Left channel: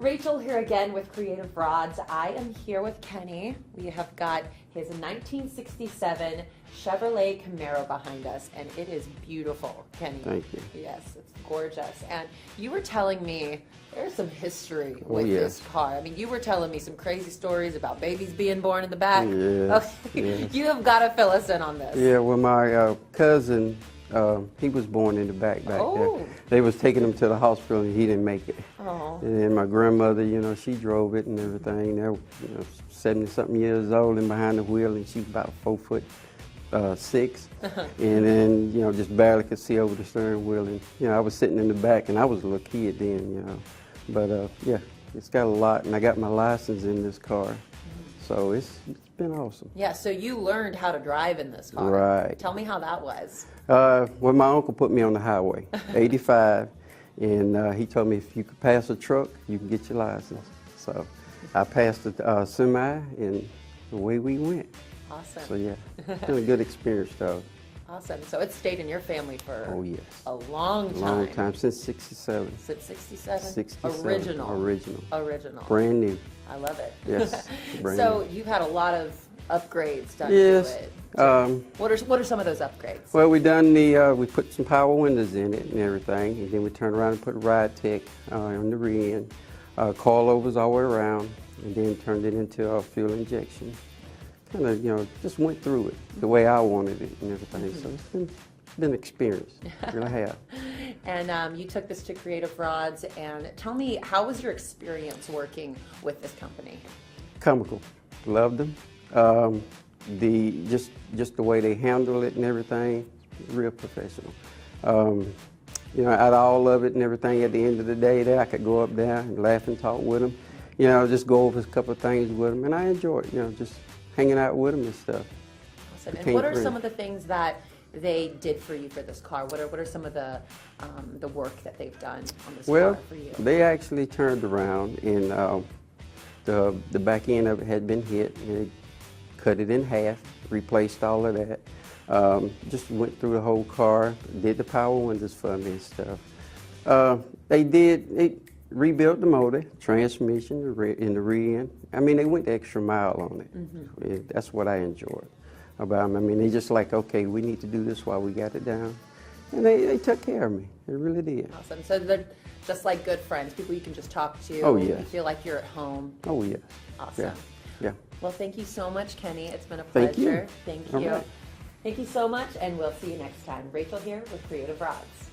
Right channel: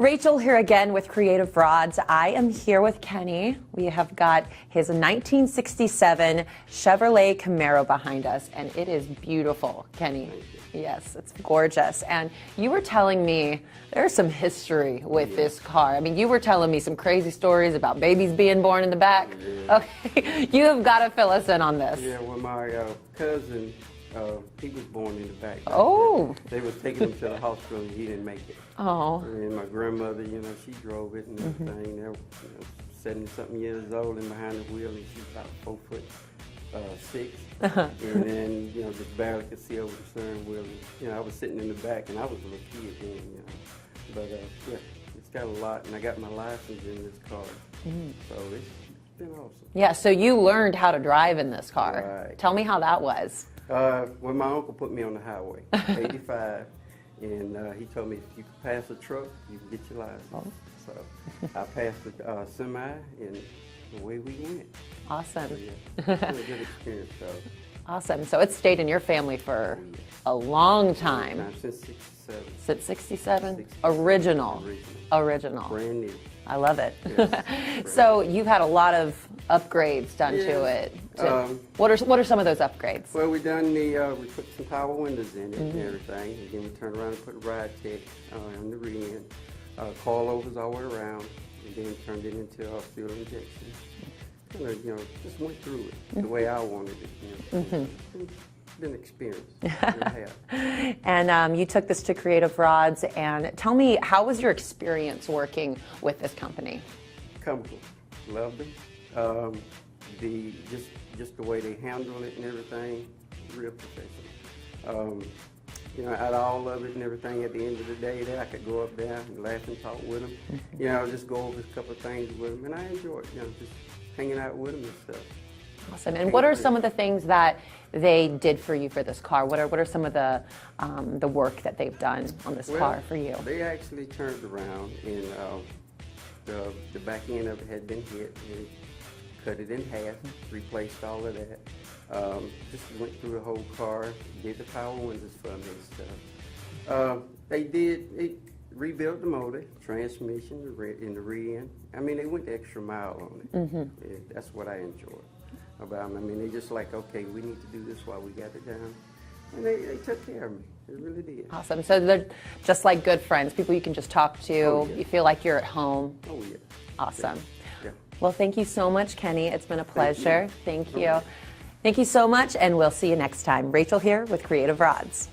Rachel here again with Creative Rods. I am here with Kenny. We have got his 1967 Chevrolet Camaro behind us, and it is beautiful, Kenny. Thank you. Yes, it's gorgeous. And you were telling me there's some history with this car. I mean, you were telling me some crazy stories about babies being born in the back. Yeah, okay. You have got to fill us in on this. Yeah, well, my cousin, he was born in the back there. They was taking him to the hospital and he didn't make it. Oh. And then my grandmother, you know, she drove it and everything. They were, 70-something years old and behind the wheel, and she's about 4'6". And then, just barely could see over the steering wheel. And, I was sitting in the back, and I was a little kid then, But, yeah, it's got a lot, and I got my license in this car. So it's been awesome. Yeah, so you learned how to drive in this car. Right. Tell me how that was. Well, my uncle put me on the highway, 85, and he told me if you could pass a truck, you can get your license. So I passed the semi, and away we went. Awesome. So yeah, it's been a good experience, though. Awesome. So it's stayed in your family for a long time. Long time, since 67. Since 67? 67. Original. Original. Brand new. I love it. Yes. So you've had a lot of upgrades done to it. What are some of those upgrades? Well, we done we put some power windows in it and everything, and then we turned around and put a ride tech on the rear end, coilovers all the way around, and then turned it into a fuel injection. Kind of, just went through it the way I wanted it and everything. So it's been an experience. Really have. And you took this to Creative Rods, and tell me, how was your experience working with this company? Comical. Loved them. Just the way they handle it and everything, real professional. Out of all of it and everything, at the end of the day, I could go up there and laugh and talk with them. Just go over a couple of things with them, and I enjoy it. Just hanging out with them and stuff. Awesome. And what are some of the things that they did for you for this car? What are some of the work that they've done on this car for you? They actually turned around, and the back end of it had been hit. They cut it in half, replaced all of that. Just went through the whole car, did the power windows for me and stuff. They rebuilt the motor, transmission in the rear end. I mean, they went the extra mile on it. That's what I enjoyed about them. I mean, they just like, okay, we need to do this while we got it down. And they took care of me. They really did. Awesome. So they're just like good friends, people you can just talk to. Oh, yeah. You feel like you're at home. Oh, yes. Awesome. Yeah. Well, thank you so much, Kenny. It's been a pleasure. Thank you. Right. Thank you so much, and we'll see you next time. Rachel here with Creative Rods.